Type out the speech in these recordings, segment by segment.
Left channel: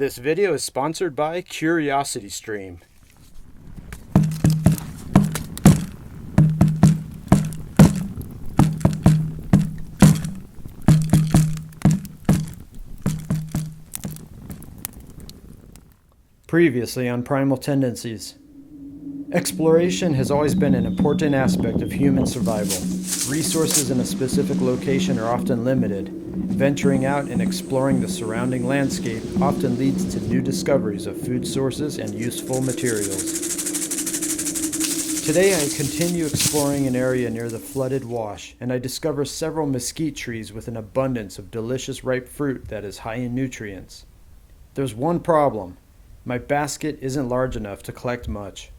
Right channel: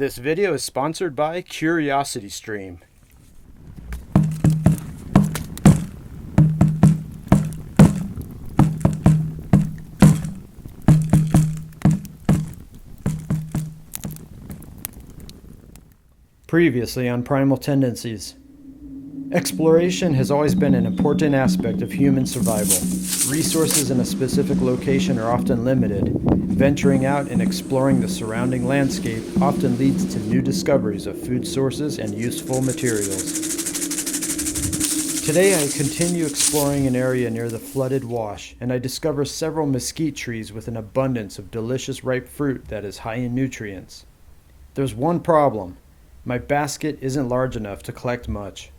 This video is sponsored by CuriosityStream. Previously on Primal Tendencies. Exploration has always been an important aspect of human survival. Resources in a specific location are often limited. Venturing out and exploring the surrounding landscape often leads to new discoveries of food sources and useful materials. Today I continue exploring an area near the flooded wash, and I discover several mesquite trees with an abundance of delicious ripe fruit that is high in nutrients. There's one problem. My basket isn't large enough to collect much.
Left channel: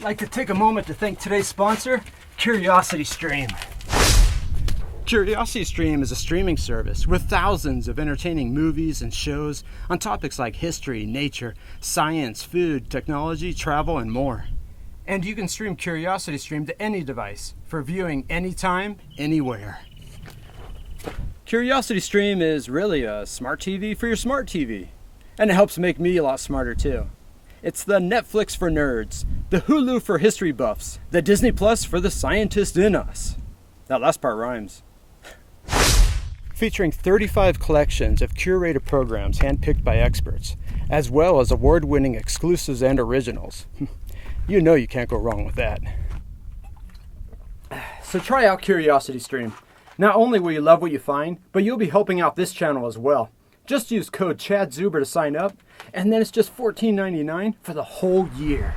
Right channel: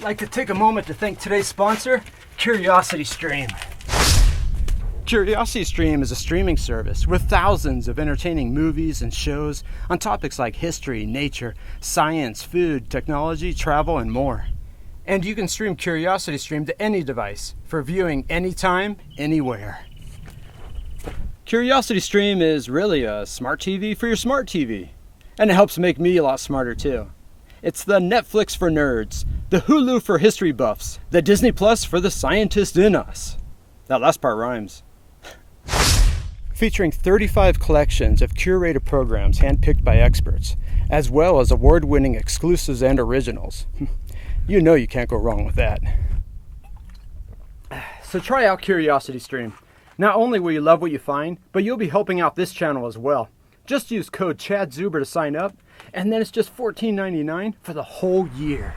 I'd like to take a moment to thank today's sponsor, CuriosityStream. CuriosityStream is a streaming service with thousands of entertaining movies and shows on topics like history, nature, science, food, technology, travel, and more. And you can stream CuriosityStream to any device for viewing anytime, anywhere. CuriosityStream is really a smart TV for your smart TV. And it helps make me a lot smarter too. It's the Netflix for nerds, the Hulu for history buffs, the Disney Plus for the scientist in us. That last part rhymes. Featuring 35 collections of curated programs handpicked by experts, as well as award-winning exclusives and originals. You know you can't go wrong with that. So try out CuriosityStream. Not only will you love what you find, but you'll be helping out this channel as well. Just use code CHADZUBER to sign up, and then it's just $14.99 for the whole year.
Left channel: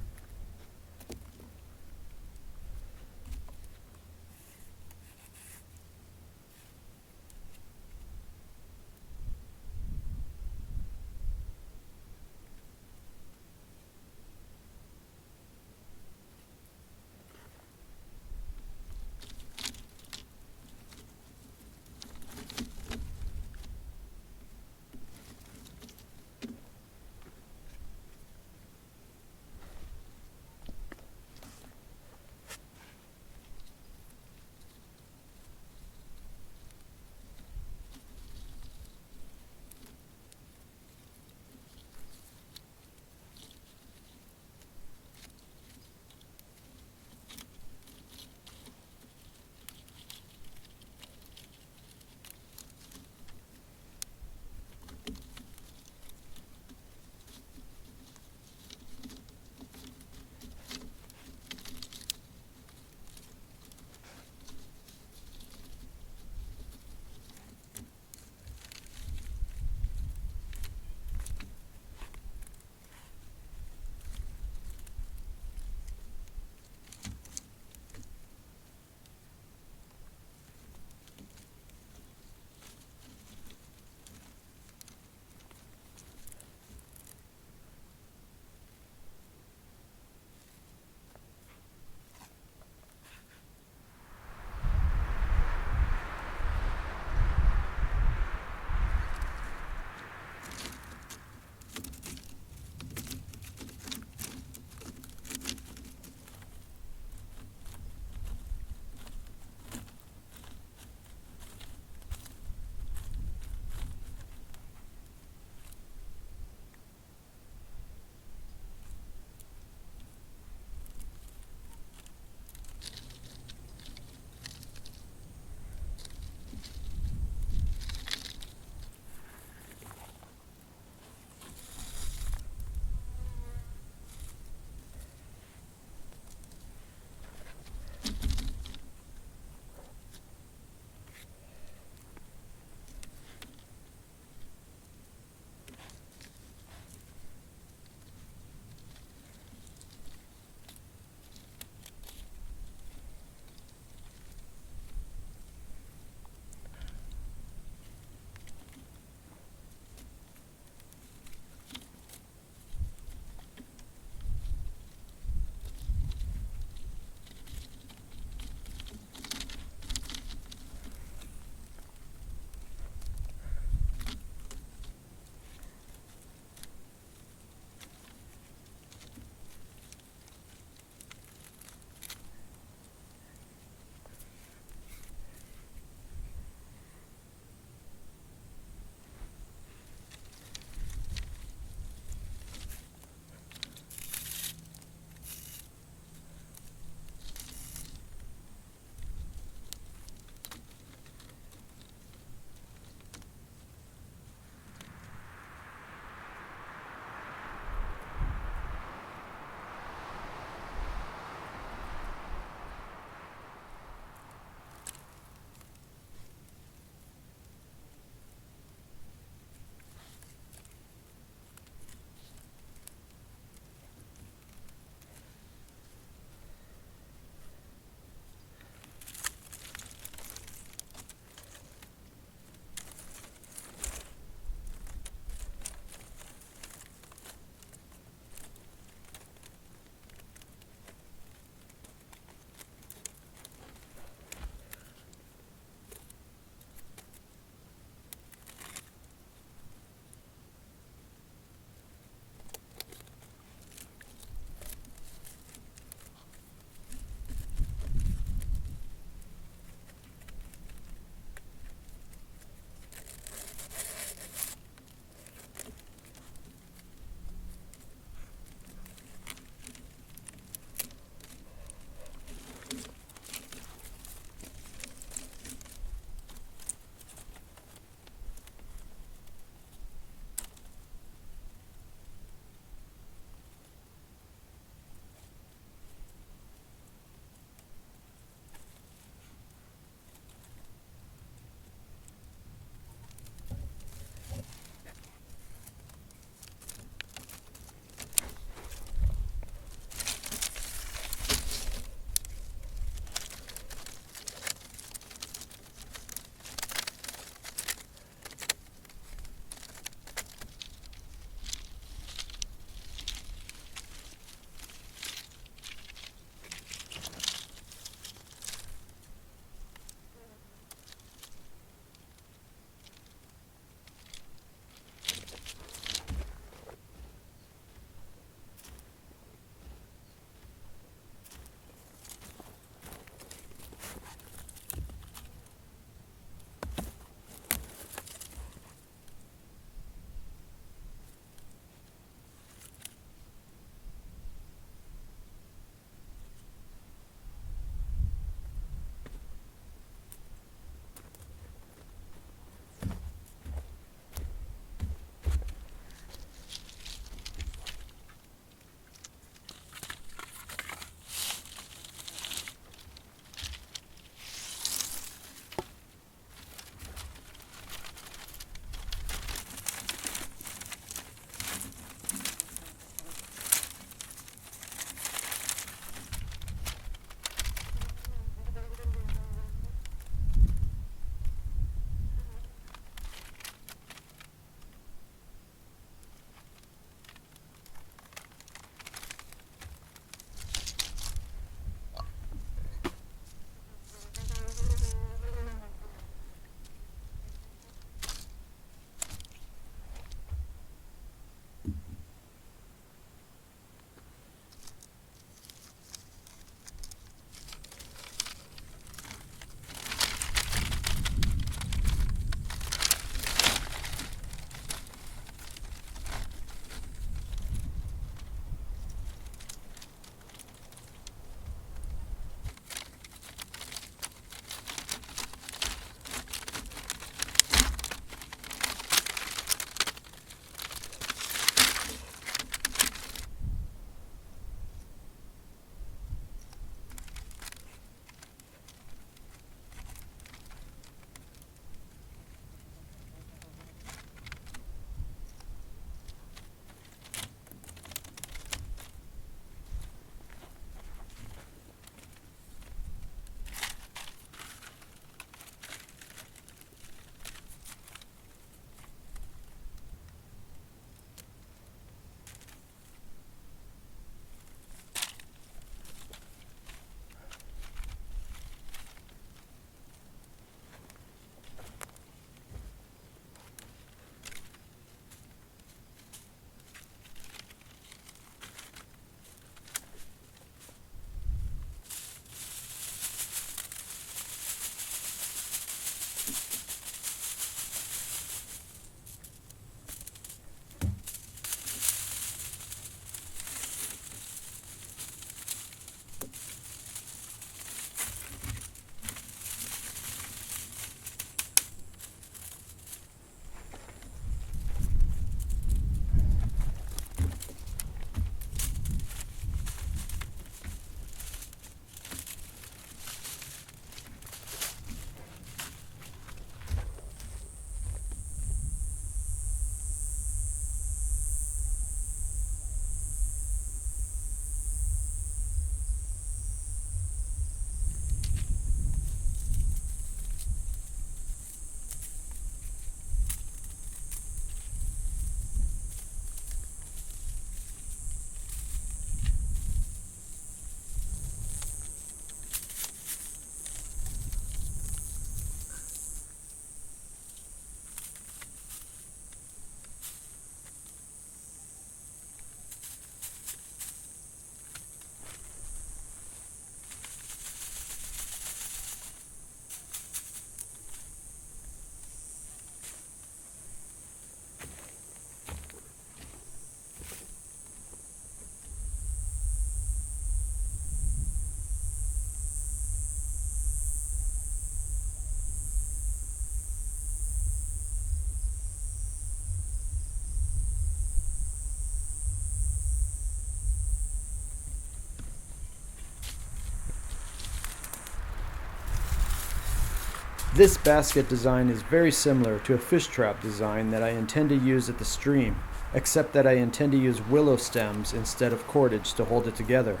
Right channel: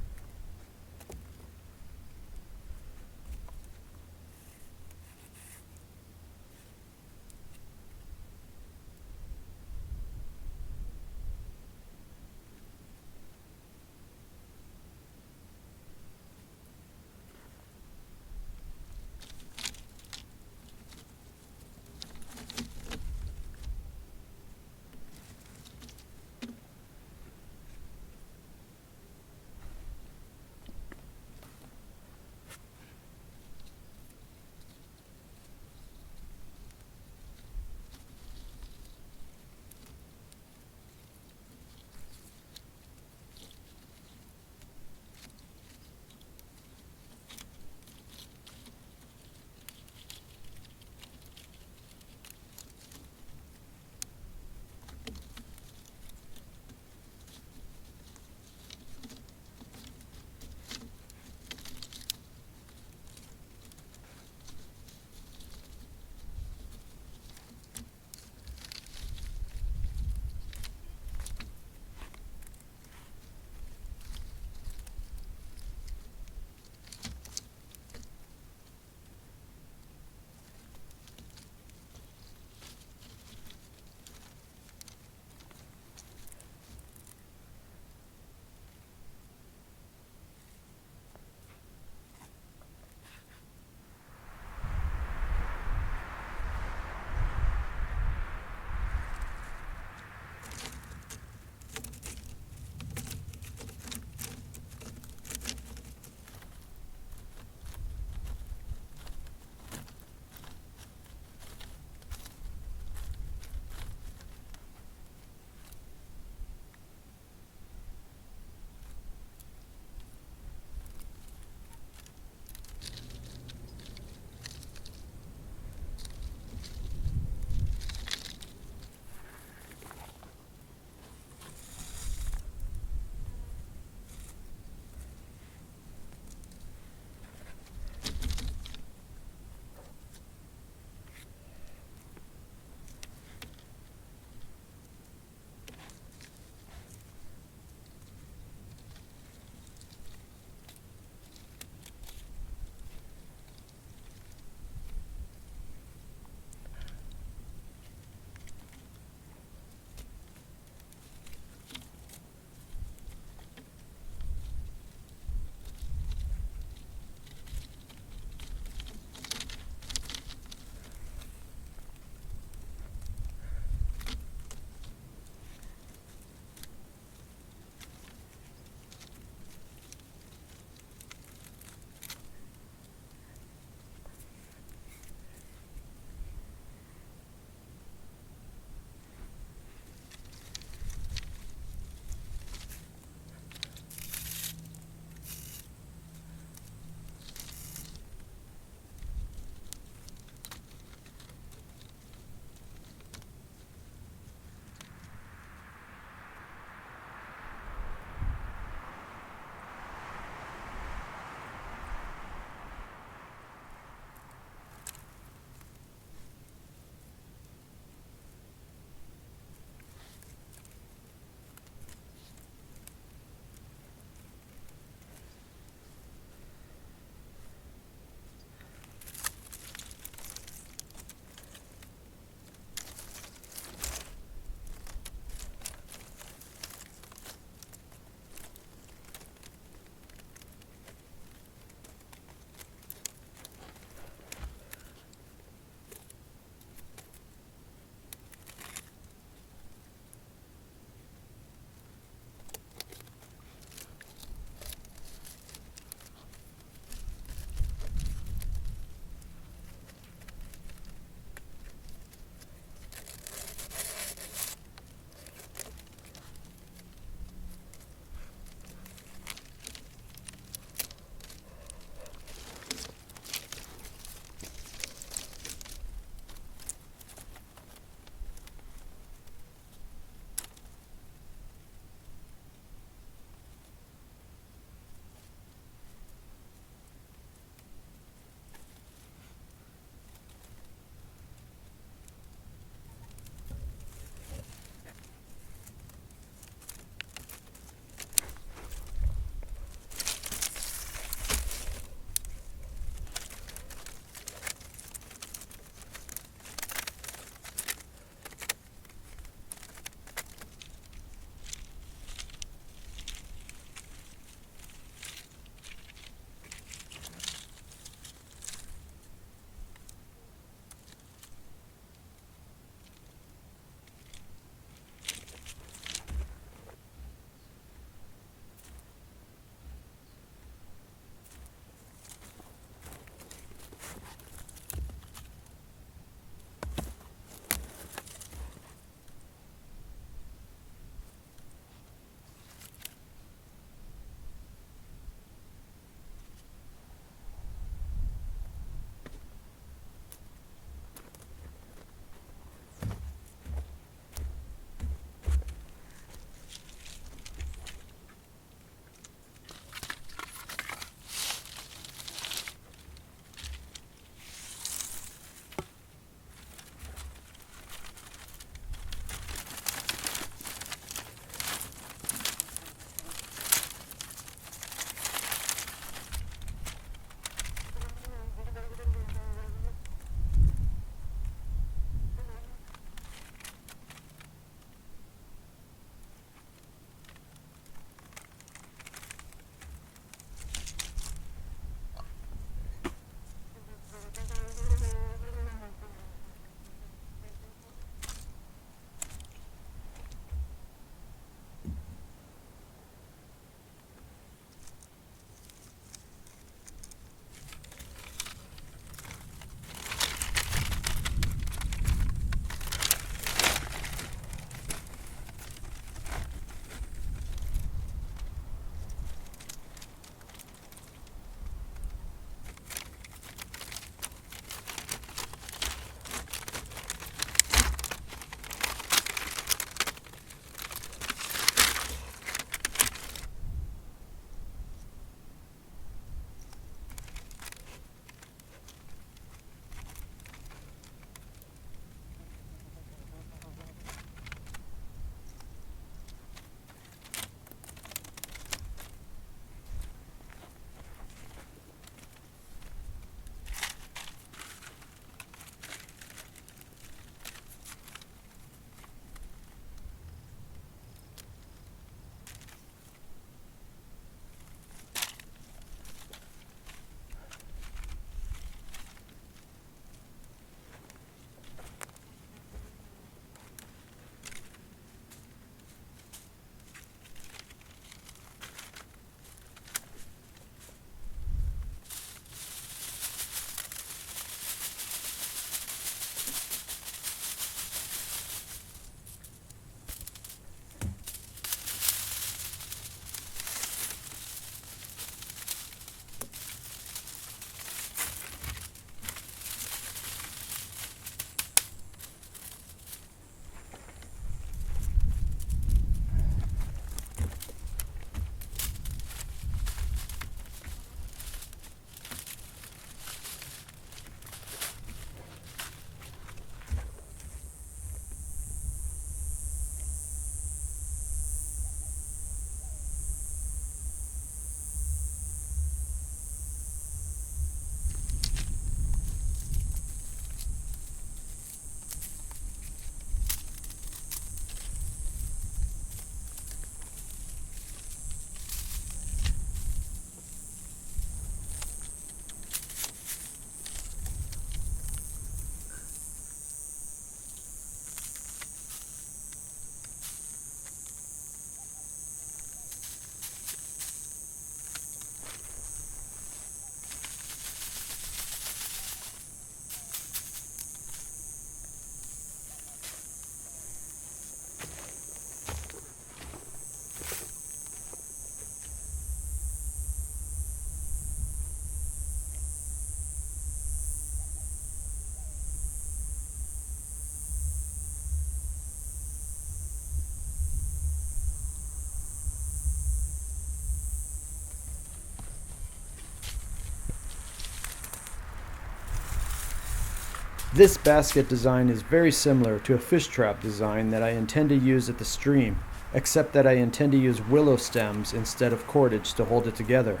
This basket design is very similar to a fish trap design that I intend to use at the stream, except that I intend to use willow stems instead of cordage to hold it together.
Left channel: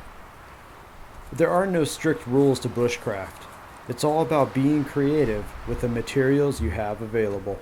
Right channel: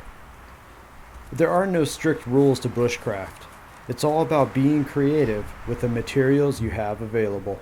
There are no strict rules to bushcraft. It's all about being creative with the materials you have available.